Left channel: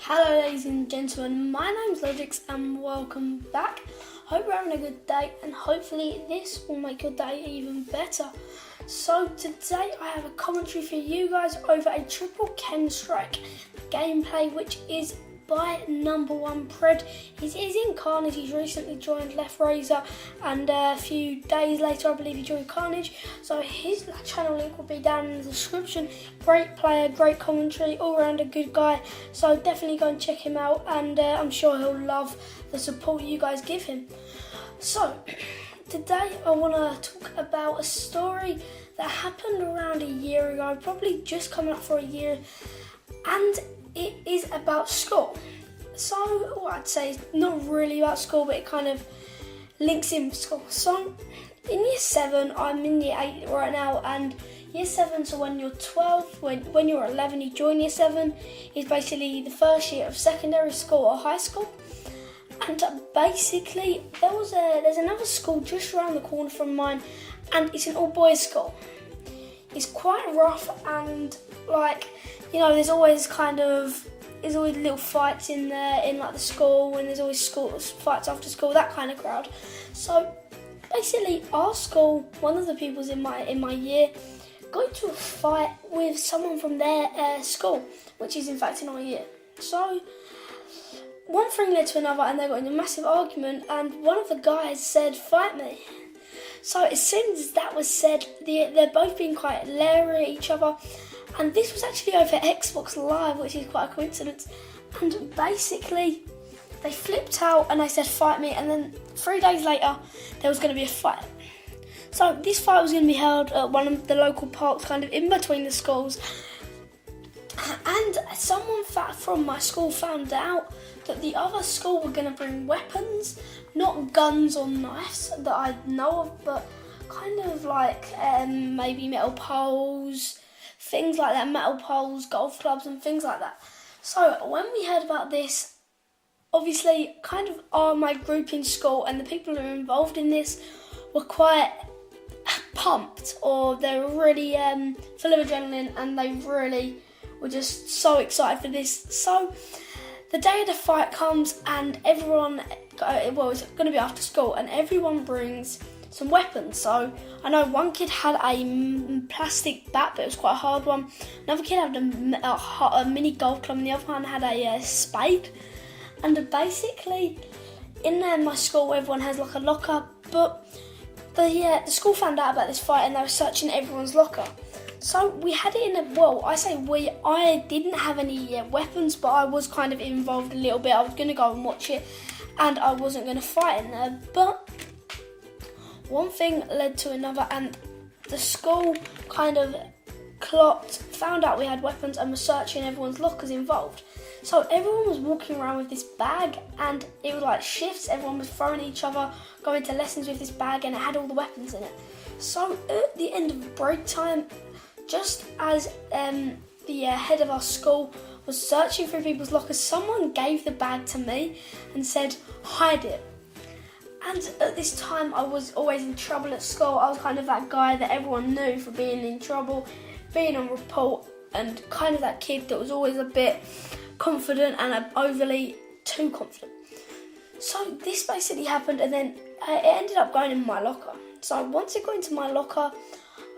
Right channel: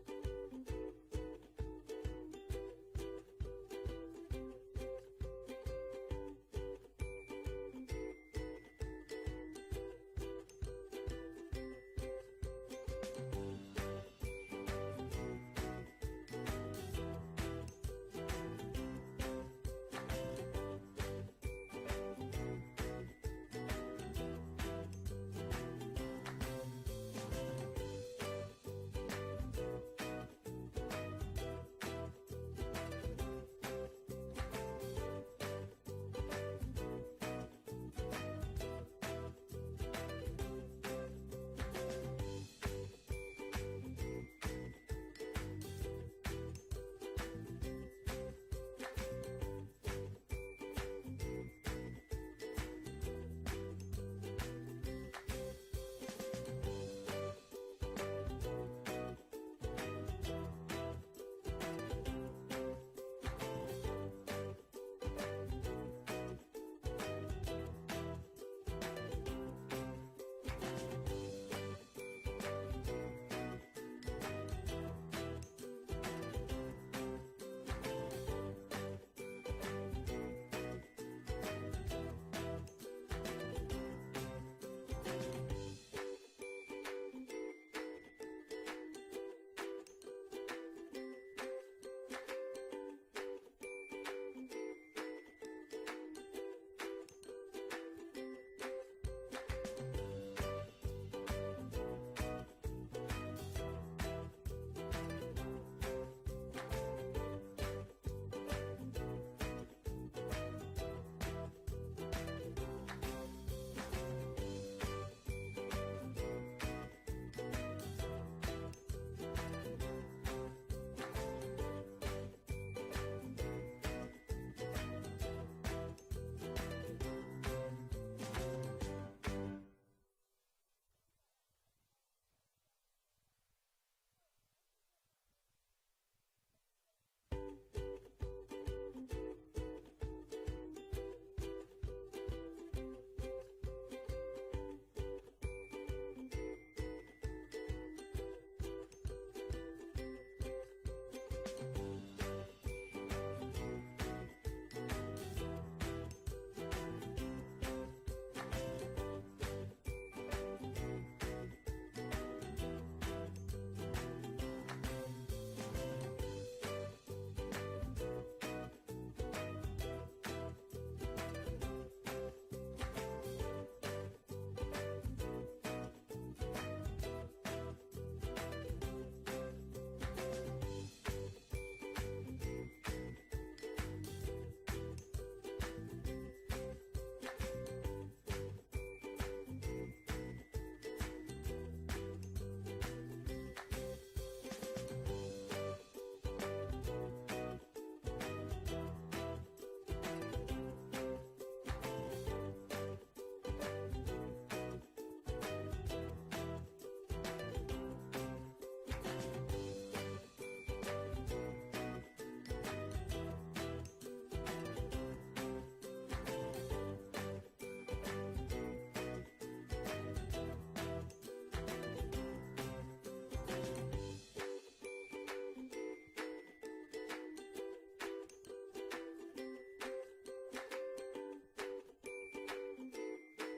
Hello ladies and gentlemen, my name's Logix and welcome back. Hope you're having a good day and hopefully this will make your day even better. So today I have a commentary for you guys over a triple chem strike gameplay which is by number one Pred. He's in Carnage, he's recently joined Left Razor and a few days later I believe he joined Carnage. So his channel link will be down in the description. Great player, great commentary, all around a good guy. So definitely go and check him out and I'm sure he'll love the support you guys give him. So today I want to talk about a story that happened around a year ago, probably just coming up for a year, and it is about school. So what I'd say is not really about school, but it kind of links in with school. So in year 7, I'm in year 8 right now, and year 7, so when you're 12, when you're 11 you join year 7, is basically the first year of secondary school or high school. And basically there's another school just around the corner from mine, and it's an all boys school. It's quite rough and there's always little fights in there in like the school, and there's always school fights after school, that kind of crowd. So basically our school, one of the pupils in my year got into a fight with someone from their school, which is in fact in our year. So one thing led to another and they got in a massive argument, and one of the guys said, "Fight me." So as soon as that was said, they're both being quite leery at each other, and this was actually over Xbox Live, which is quite a coincidence. And basically they flipped out and they said, "Fight me," and then 3 days later there was going to be a fight. So this fight was going to be held at one of the local parks kind of in between the schools, and someone from my school found out that the other school were going to bring weapons, not guns or knives that I know of, but kind of like maybe metal poles, things like that, metal poles, golf clubs and things like that. So when we heard about this, obviously kind of my group in school and the people who were involved in this were quite pumped, or they were really full of adrenaline, and they really were just so excited for this. So the day of the fight comes and everyone, it's going to be after school, and everyone brings some weapons. So I know one kid had a plastic bat, but it was quite a hard one. Another kid had a mini golf club, and the other one had a spade. And basically in my school everyone has like a locker, but the school found out about this fight and they were searching everyone's locker. So we had it I didn't have any weapons, but I was kind of involved a little bit. I was going to go and watch it and I wasn't going to fight in there, but one thing led to another, and the school kind of found out we had weapons and was searching everyone's lockers involved. So everyone was walking around with this bag, and it was like shifts, everyone was throwing each other, going to lessons with this bag, and it had all the weapons in it. So at the end of break time, just as the head of our school was searching through people's lockers, someone gave the bag to me and said, "Hide it." And at this time I was always in trouble at school. I was kind of that guy that everyone knew for being in trouble, being on report, and kind of that kid that was always a bit confident and overly too confident. So this basically happened, and then it ended up going in my locker. So once it got into my locker,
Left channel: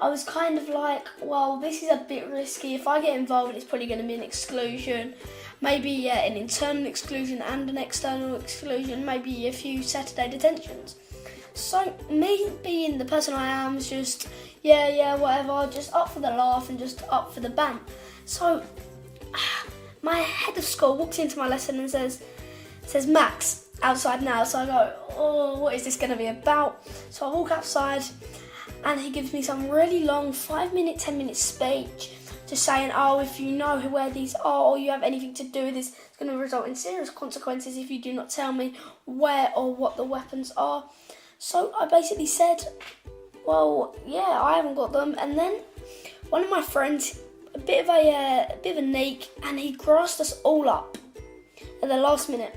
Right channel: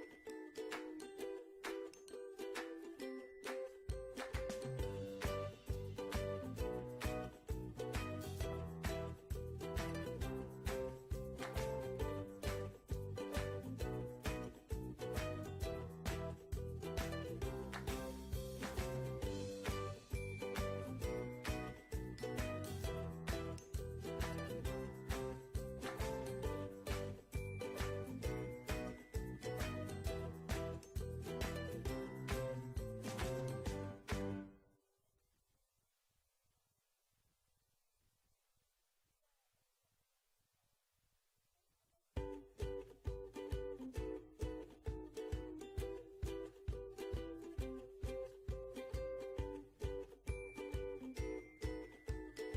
I was kind of like, well, this is a bit risky. If I get involved, it's probably going to be an exclusion, maybe an internal exclusion and an external exclusion, maybe a few Saturday detentions. So me being the person I am, is just, whatever, just up for the laugh and just up for the ban. So my head of school walks into my lesson and says, "Max, outside now." So I go, "Oh, what is this going to be about?" So I walk outside, and he gives me some really long 5-minute, 10-minute speech just saying, "Oh, if you know where these are or you have anything to do with this, it's going to result in serious consequences if you do not tell me where or what the weapons are." So I basically said, "Well, yeah, I haven't got them." And then one of my friends, a bit of a neek, and he grassed us all up at the last minute.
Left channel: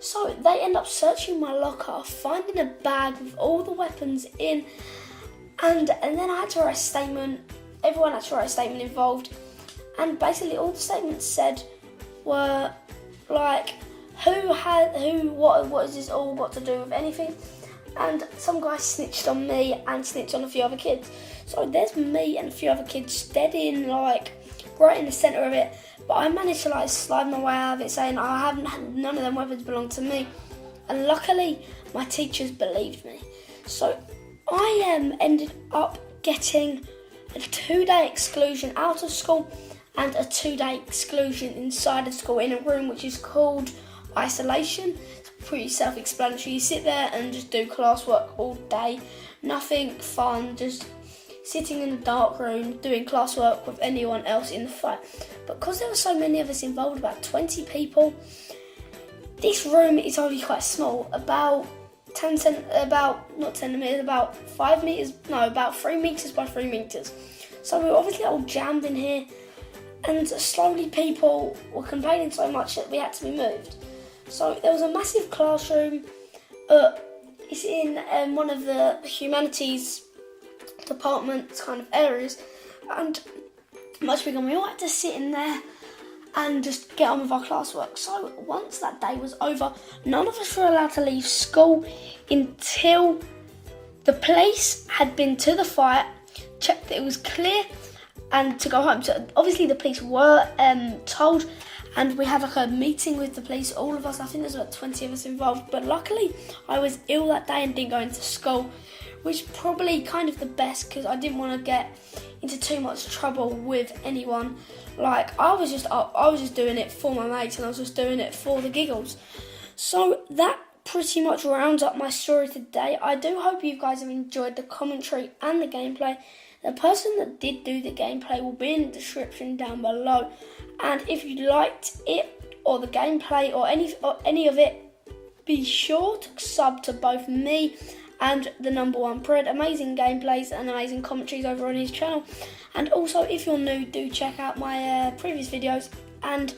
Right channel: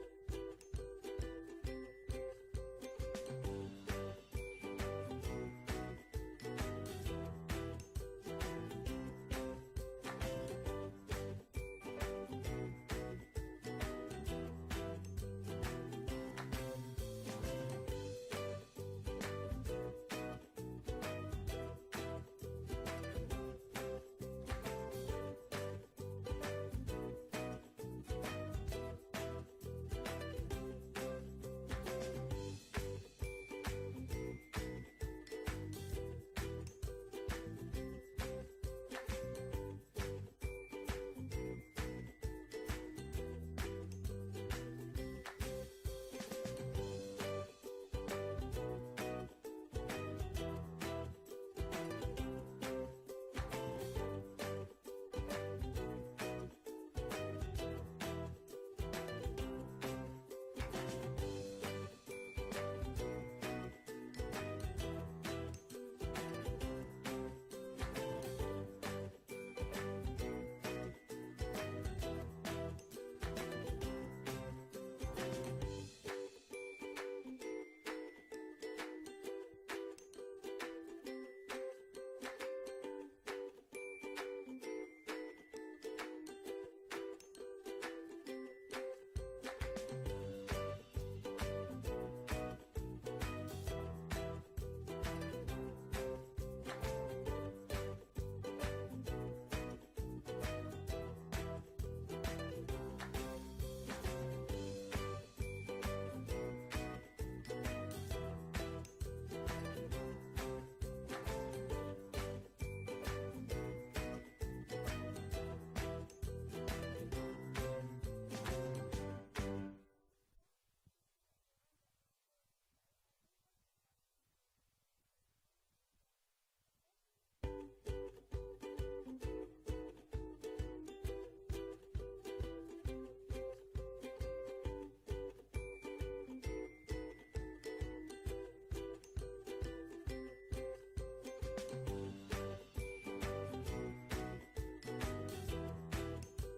So they end up searching my locker, finding a bag with all the weapons in, and then I had to write a statement. Everyone had to write a statement involved, and basically all the statements said were like, what has this all got to do with anything? And some guy snitched on me and snitched on a few other kids. So there's me and a few other kids dead in, like, right in the centre of it. But I managed to, like, slide my way out of it, saying none of them weapons belong to me. And luckily, my teachers believed me. So I ended up getting a 2-day exclusion out of school and a 2-day exclusion inside of school in a room which is called isolation. It's pretty self-explanatory. You sit there and just do classwork all day. Nothing fun, just sitting in the dark room doing classwork with anyone else in the fight. But because there were so many of us involved, about 20 people, this room is only quite small, about 3 meters by 3 meters. So we were obviously all jammed in here, and slowly people were complaining so much that we had to be moved. So there was a massive classroom. It's in one of the humanities department kind of areas, and much bigger. We all had to sit in there and just get on with our classwork. So once that day was over, none of us were allowed to leave school until the police had been to the fight, checked that it was clear, and to go home. So obviously the police were told, and we had like a meeting with the police, all of us. I think there's about 20 of us involved, but luckily I was ill that day and didn't go into school, which is probably kind of the best, because I didn't want to get into too much trouble with anyone. Like, I was just doing it for my mates, and I was just doing it for the giggles. So that pretty much rounds up my story today. I do hope you guys have enjoyed the commentary and the gameplay. The person that did do the gameplay will be in the description down below. And if you liked it or the gameplay or any of it, be sure to sub to both me and the number one Pred. Amazing gameplays and amazing commentaries over on his channel. And also, if you're new, do check out my previous videos, and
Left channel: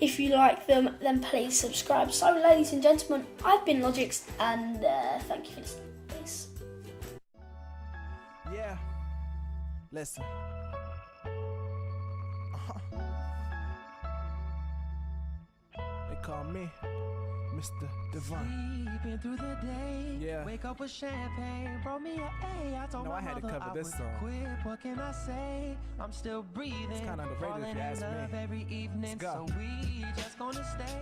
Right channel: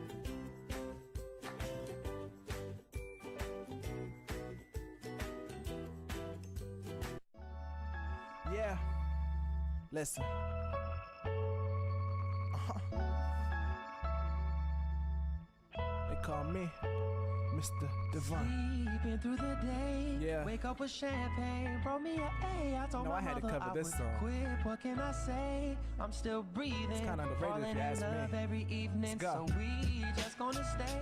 if you like them, then please subscribe. So ladies and gentlemen, I've been Logix, and thank you for listening. Peace. Yeah, listen. They call me Mr. Divine. Sleeping through the day, Yeah. wake up with champagne, brought me a A. I told No, my I had to mother cover I this would song. quit. What can I say? I'm still breathing, kinda underrated if falling you ask in love me. every evening. Let's go. So we just gonna stay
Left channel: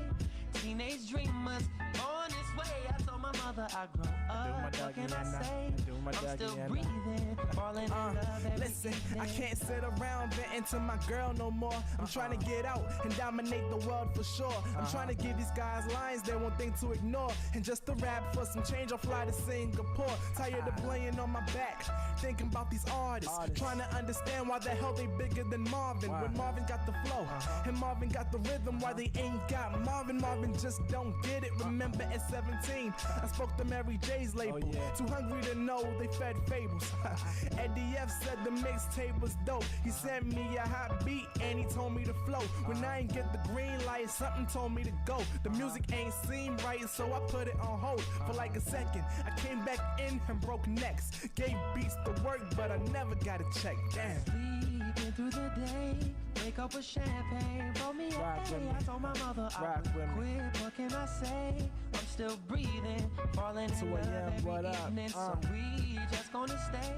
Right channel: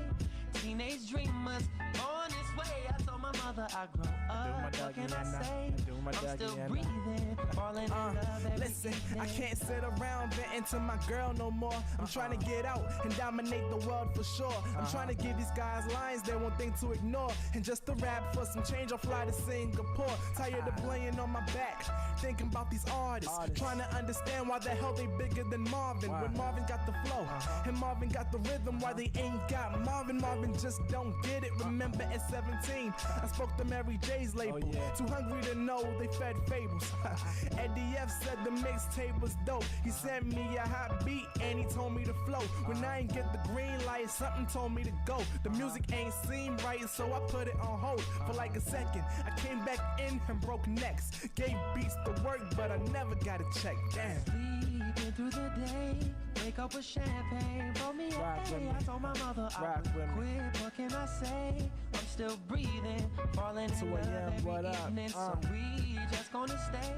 teenage dreamers on this way. I told my mother I grow up. What can I say? I'm still breathing, falling in love every Listen, evening. I can't sit around venting to my girl no more. I'm trying to get out and dominate the world for sure. I'm trying to give these guys lines they won't think to ignore. And just to rap for some change, I'll fly to Singapore. Tired of playing on my back, thinking about these artists. Trying to understand why the hell they bigger than Marvin. When Marvin got the flow and Marvin got the rhythm, why they ain't got Marvin. Marvin just don't get it. Remember at 17, I spoke to Mary J's label. Too hungry to know they fed fables. Eddie F said the mixtape was dope. He sent me a hot beat and he told me to flow. When I ain't get the green light, something told me to go. The music ain't seem right, so I put it on hold for like a second. I came back in and broke necks. Gave beats to work, but I never got a check. Damn. Sleeping through the day, wake up with champagne, brought me a Rock with me. I told my mother I Rock would with me. quit. What can I say? I'm still breathing, falling in 2 love a.m., every what up? evening. So we just gonna stay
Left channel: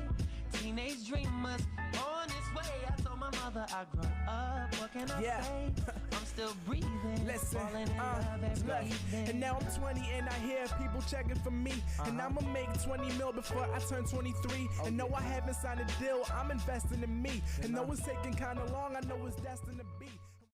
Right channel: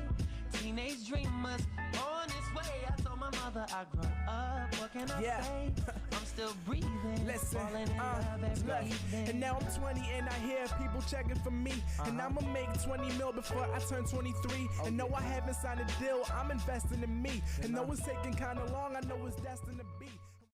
teenage dreamers on this way. I told my mother I grow up. What can I Yeah. say? I'm still breathing, Listen, falling in love every look, evening. and now I'm 20 and I hear people checking for me. And I'ma make 20 mil before I turn 23. And no, I haven't signed a deal, I'm investing in me. And though it's taking kinda long, I know it's destined to be.